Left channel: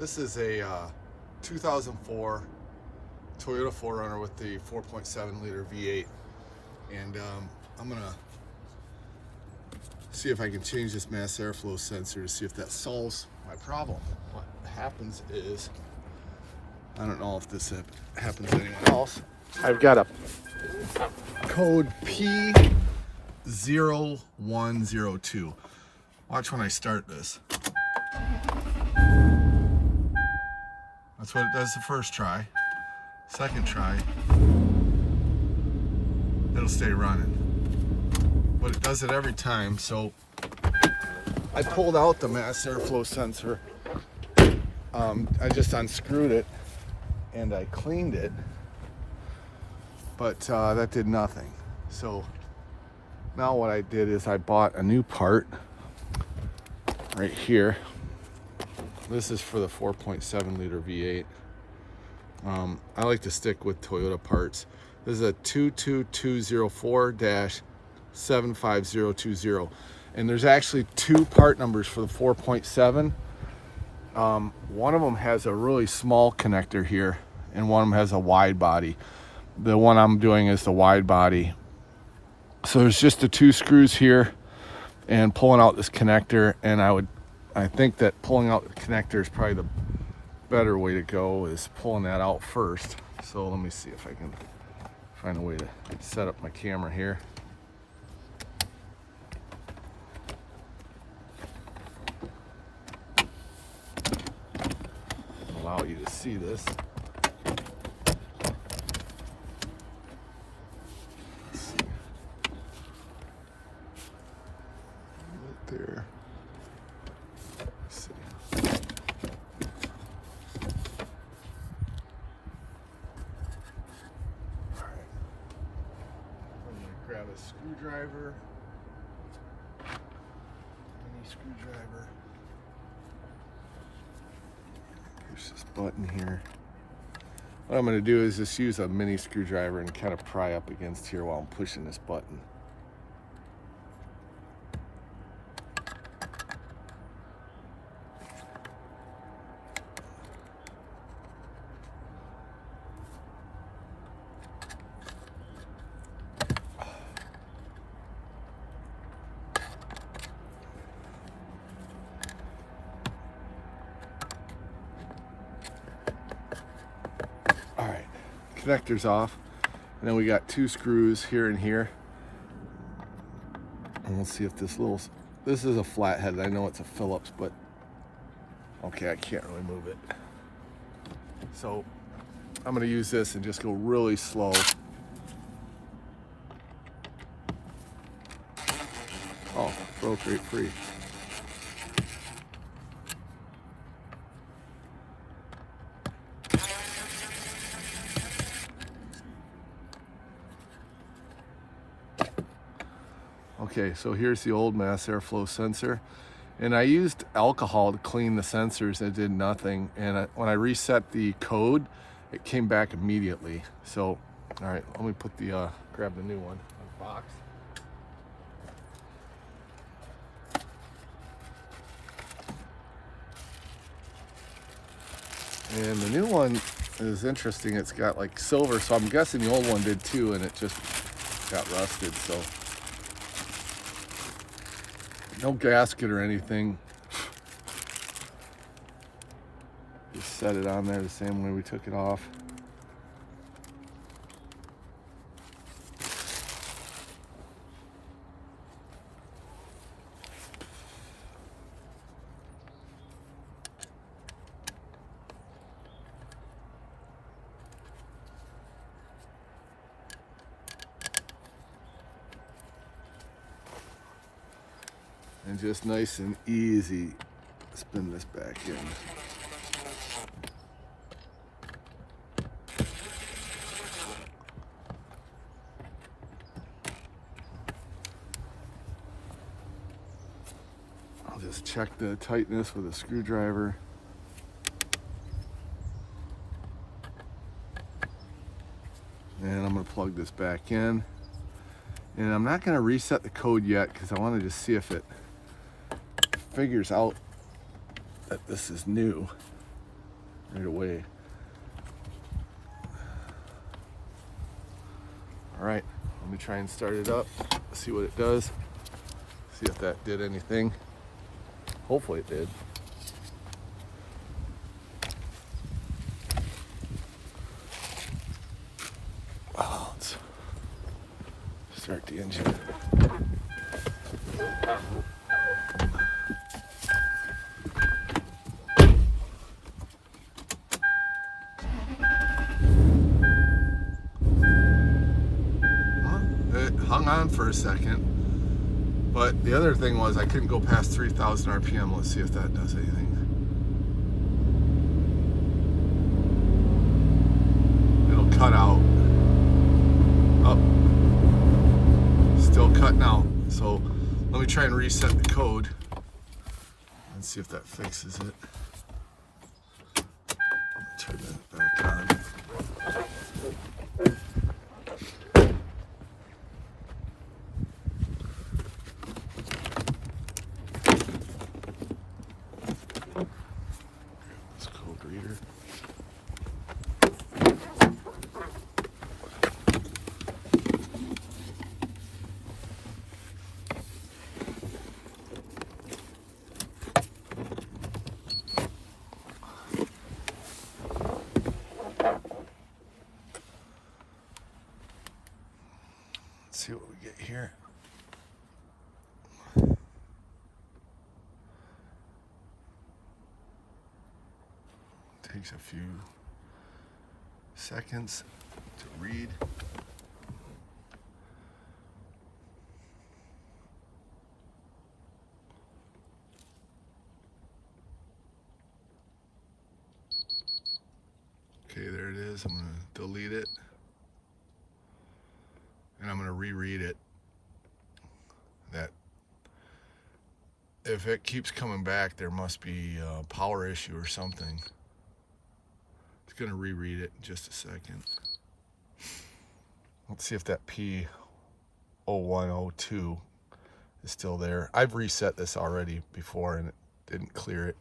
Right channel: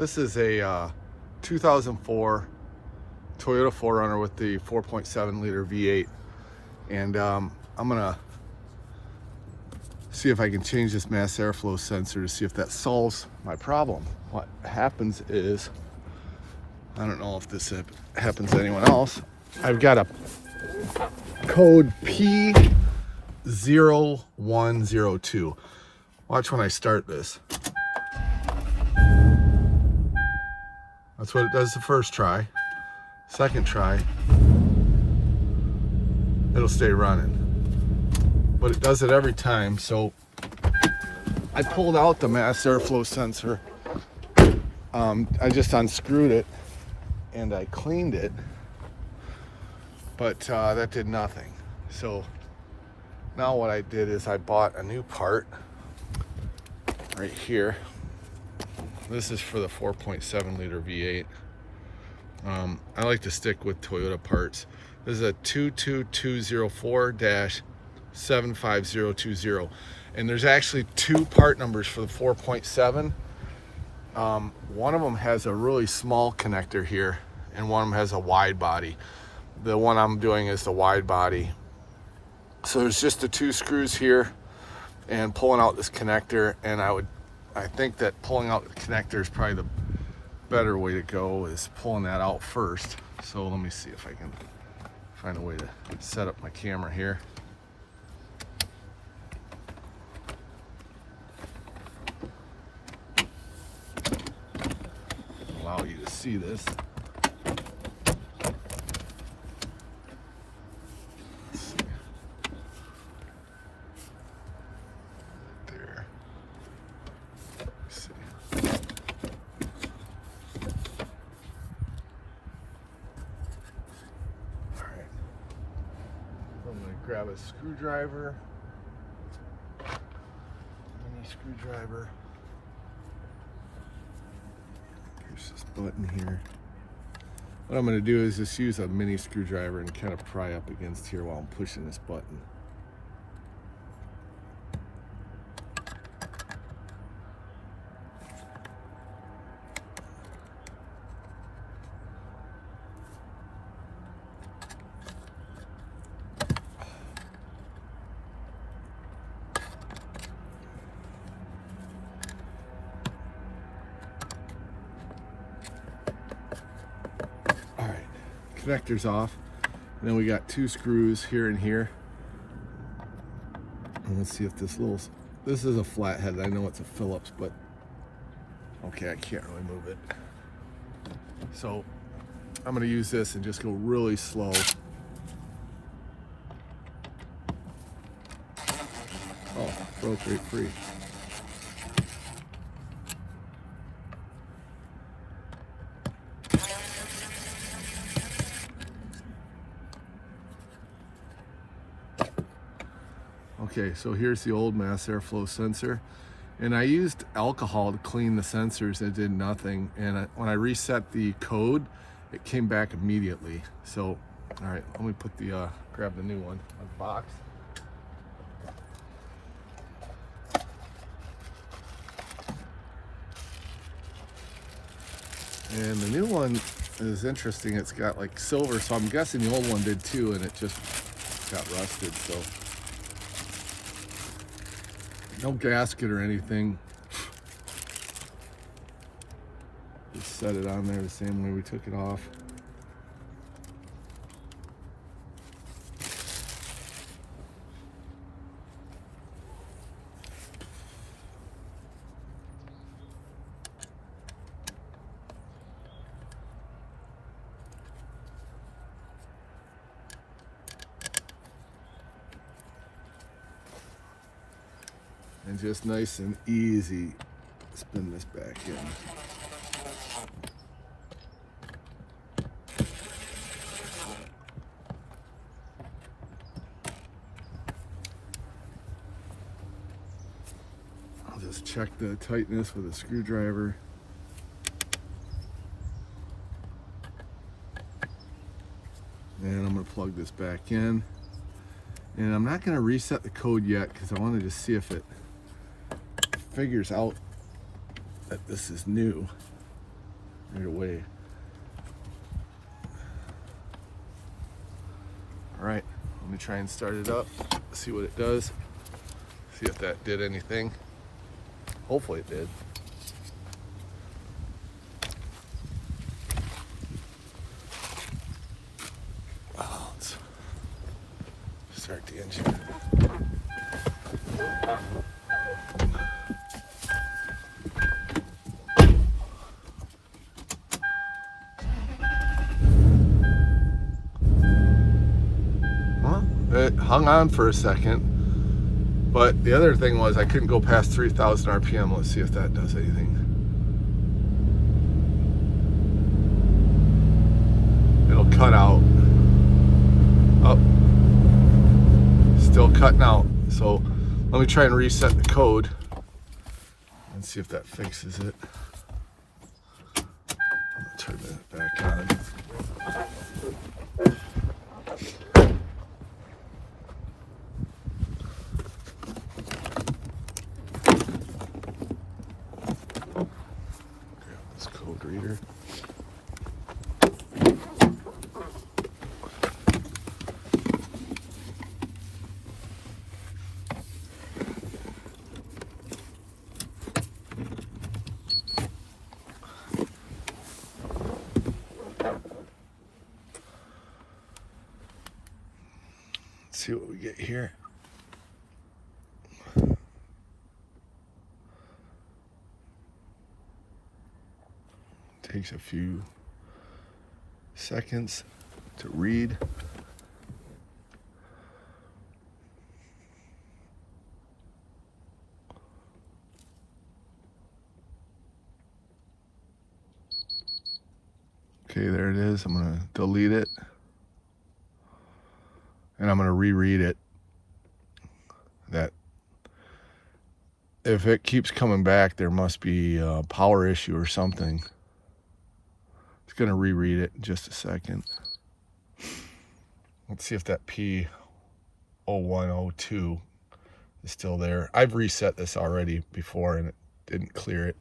This is a 2004 Toyota 4Runner with the 4.7 liter V8, and I'm gonna see if I can change this mass airflow sensor to see if that solves my problem. What happens is, I don't know if this happens to anyone else, I've got a code P0102. Watch when I start this. That's what it does the first try. Second try, it'll stay running. But it does it every time, so I pulled out the mass airflow sensor. I just unscrewed it and I cleaned it, but that did nothing. So now what I did is I bought a new part right here. This is for the 4.7 liter V8. I like to stick with Toyota parts. This is a 22204-75020, and there's actually two part numbers for the 4.7. One of them has a really small connector here, and one of them has a wide body. The one I'm doing is the wide body. So there's just the two screws here and pulling out this connector, and I think that pulling out the connector is probably the better way to go, is pulling that out first. So let me see if I can find a way to set up my camera here. Allow you to see this. Let's see. Right there. Let's see. I'm going to grab a screwdriver, mini screwdriver. Here's this button here. What I'm going to do is just use a mini screwdriver and kind of pry up against here while I'm pushing this button. Connector's off, and then we got two screws here and here, and we'll see if this is a flathead. I know it's a Phillips, but okay, I can't really move it, so I'm going to use this and just go really slow. Oh, broke right free. Okay, so here's the old mass airflow sensor, and I used alcohol to clean the sensors. It did nothing, and when I reset the code, it came back immediately. So, all right, let me put the grab the new one on the box. And the new one is interesting. It's got like silver, so I'm guessing the old one did too, and it just got rusted. So. No gasket or anything. Just set it on there the same way we took it off. And just nice and easy, spin this back in. I'll just check the tightness with a screwdriver. And I'm going to plug this back in. And I'm not going to reset the code yet because I wanted to see if it figures out that this is new. right away. All right, let me try and start it up, see what it does, see if that did anything. Hopefully it did. Let's start the engine. It hung on for a second, but the other thing was I couldn't go past 3,000 RPM. Let's see if that does anything. It'll cut out. Oh, still cutting out. So let me try and reset the code and see if that fixes it. I'm gonna turn that back on. Reader. Let's see what we get here. Takes a few seconds to read. Okay, there it is. I'm going to delete it. And I'm going to reread it. That if it keeps coming back, there must be a power issue or something. Going to reread it in just a second. Let's see if that P0102 is still there. I've reset this already before and it didn't clear it.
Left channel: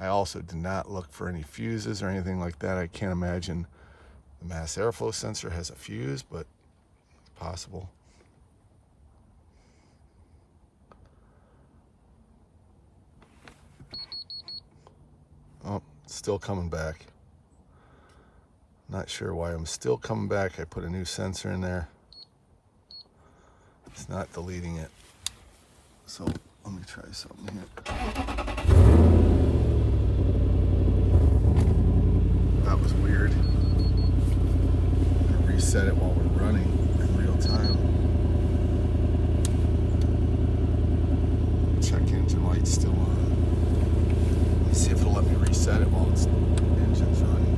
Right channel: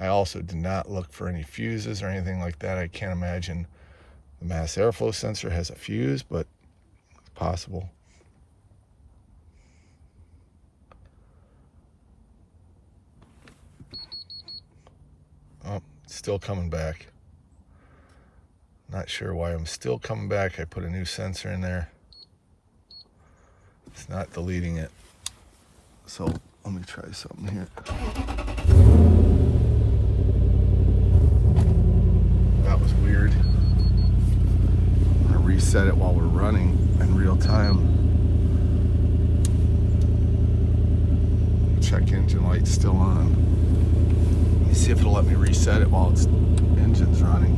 I also did not look for any fuses or anything like that. I can't imagine the mass airflow sensor has a fuse, but it's possible. Oh, it's still coming back. Not sure why I'm still coming back. I put a new sensor in there. It's not deleting it. So let me try something here. That was weird. I reset it while we're running in real time. Check engine light's still on. Let me see if it'll let me reset it while its engine's running.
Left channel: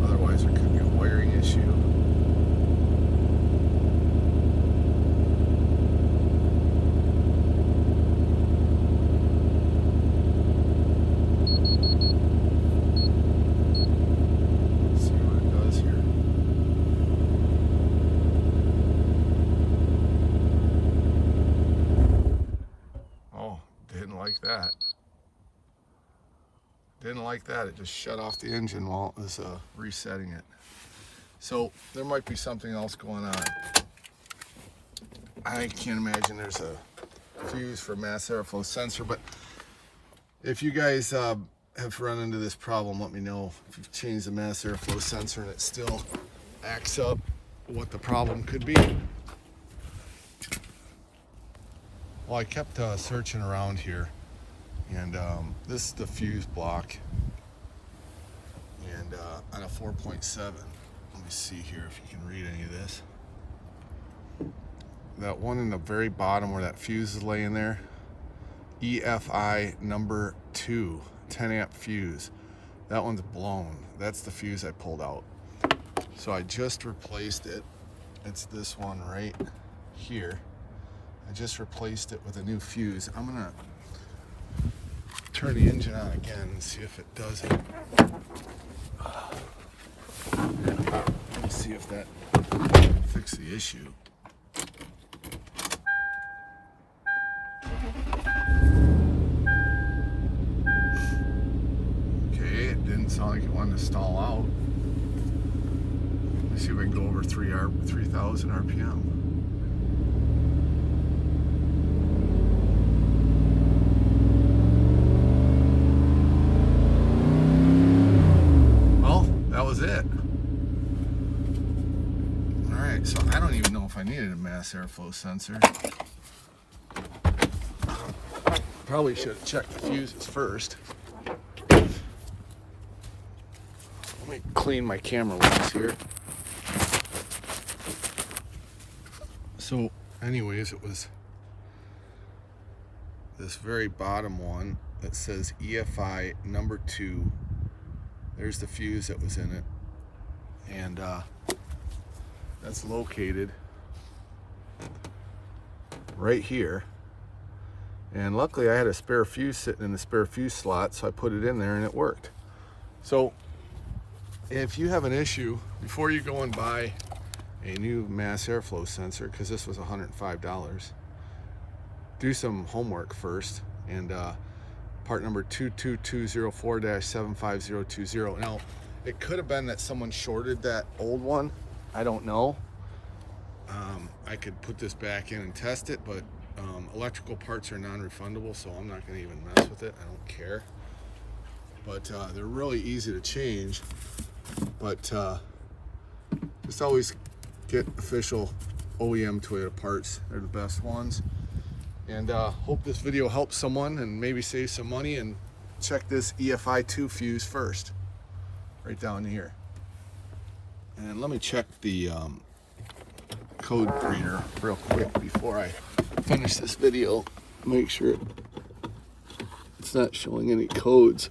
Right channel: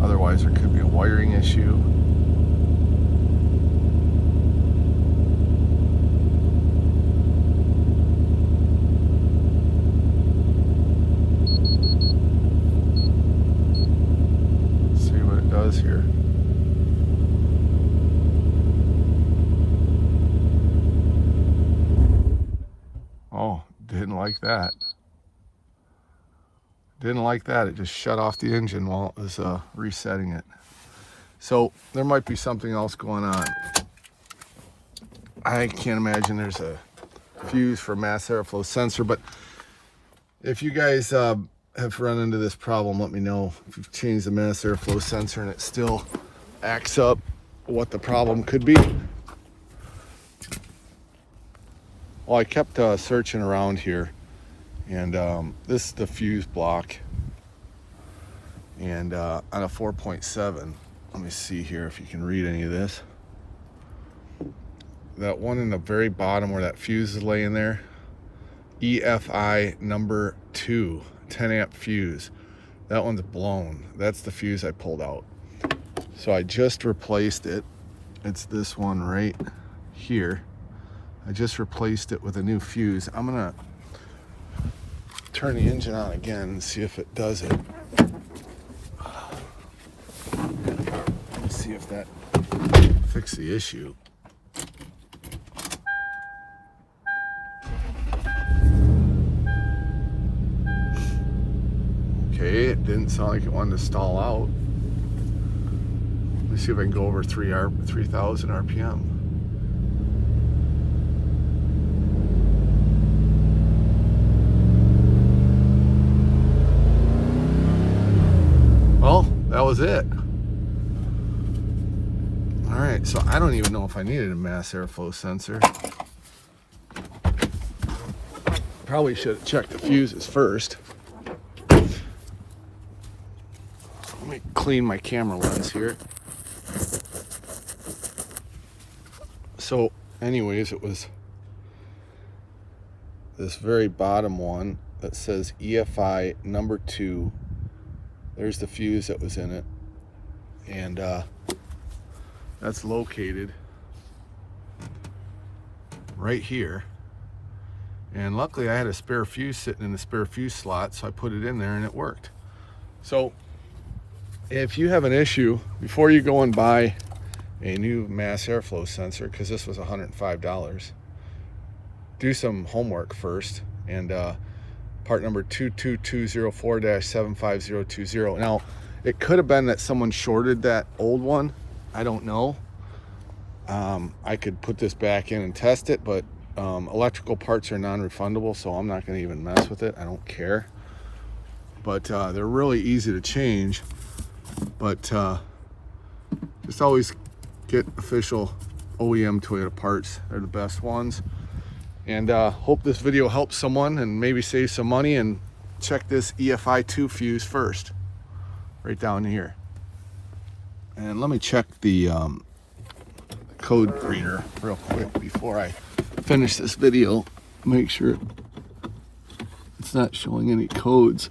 Otherwise, there could be a wiring issue. Let's see what it does here. Oh, didn't like that. Didn't like that. It just shut off the engine while it was resetting it. So there might be something else going on. I can't imagine there's a fuse for mass airflow sensor, but if you guys have run into this problem, let me know. If you've changed the mass airflow sensor and it still acts up, what the problem could be. Well, I kept searching around here. And this is the fuse block, and on a 4.7, let me see here if you can read any of this. That one in the very bottom where that fuse is laying there, EFI number 2, 10 amp fuse. That one's blown. That's the fuse I pulled out. So I just replaced it. It's this one right here. I just replaced it with a new fuse. I'm gonna turn the engine on again and see if it does it. Let's see if that fixed the issue. sound like it wanted to stall out. Let's see if I can go over 3,000 RPM. Well, that was it. All right, so I don't even know if I needed a mass airflow sensor. Probably should have checked the fuses first. Let me clean my camera lens here. So anyways, it was this very bottom one that says EFI number 2. There's the fuse that was in it. And that's located right here. And luckily I had a spare fuse sitting in the spare fuse slot, so I put it in there and it worked. So if you have an issue, before you go and buy a new mass airflow sensor, because this was $105, do some homework first. And part number 22204-75020. Now, it could have been that someone shorted that old one. I don't know. I could put this back in and test it, but electrical parts are non-refundable, so I'm not going to even mess with it. I don't care. But they're really easy to change. But just always get official OEM Toyota parts. They're the best ones. And hope this video helps someone and maybe save some money. And check this EFI 2 fuse first, right down here. And let me check the code reader real quick before I finish this video. Make sure it's not showing any codes.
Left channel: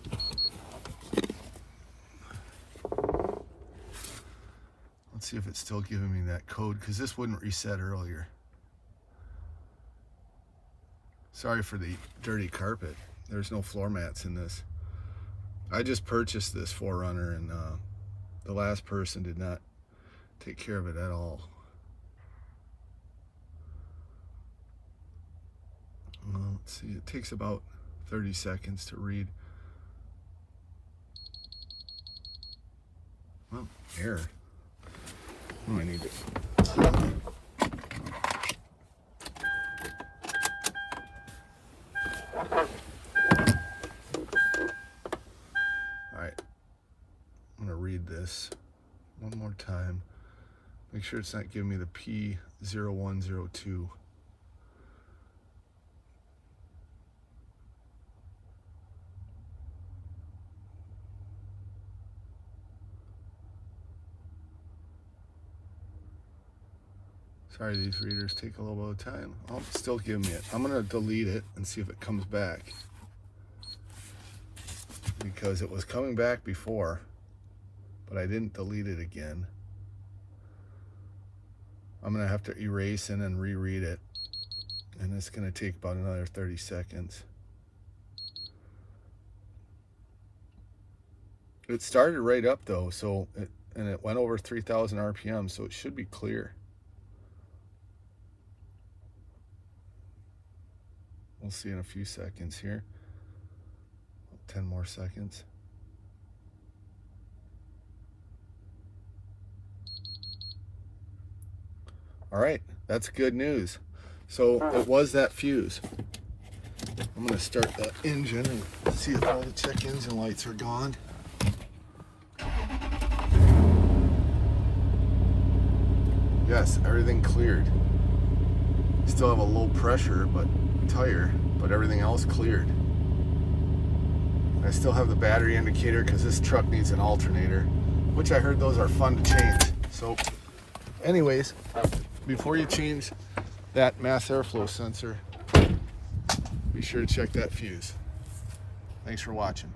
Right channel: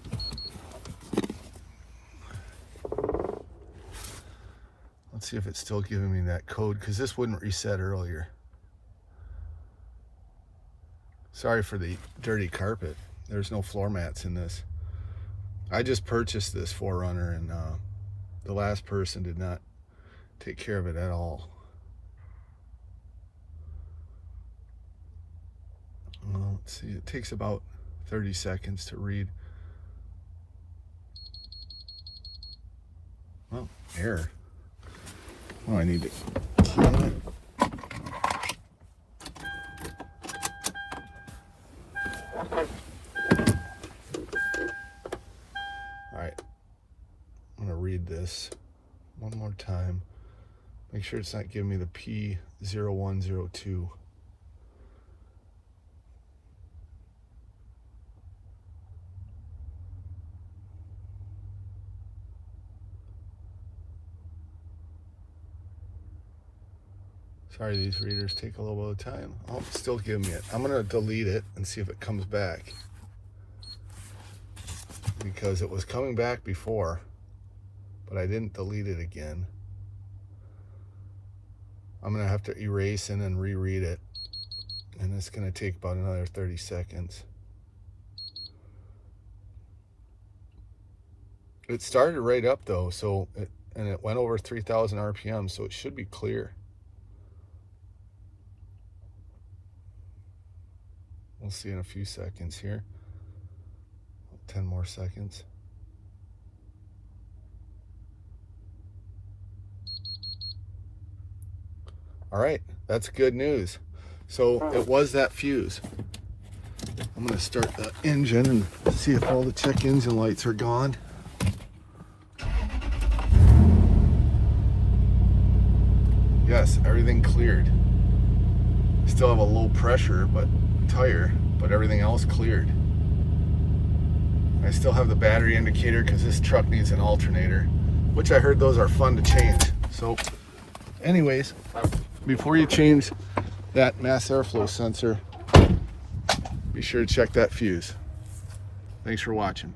Let's see if it's still giving me that code, because this wouldn't reset earlier. Sorry for the dirty carpet. There's no floor mats in this. I just purchased this 4Runner, and the last person did not take care of it at all. Well, let's see, it takes about 30 seconds to read. Well, error. Oh, I need it. All right, I'm gonna read this one more time. Make sure it's not giving me the P0102. Sorry, these readers take a little bit of time. Oh, it's still giving me it. I'm gonna delete it and see if it comes back, because it was coming back before, but I didn't delete it again. I'm gonna have to erase and then reread it, and it's gonna take about another 30 seconds. It started right up though, so it went over 3,000 RPM, so it should be clear. We'll see in a few seconds here. 10 more seconds. All right, that's good news. So it was that fuse. I'm gonna start the engine and see if all the check engine lights are gone. Yes, everything cleared. Still have a low pressure tire, but everything else cleared. I still have the battery indicator because this truck needs an alternator, which I heard those are fun to change. So anyways, before you change that mass airflow sensor, be sure to check that fuse. Thanks for watching.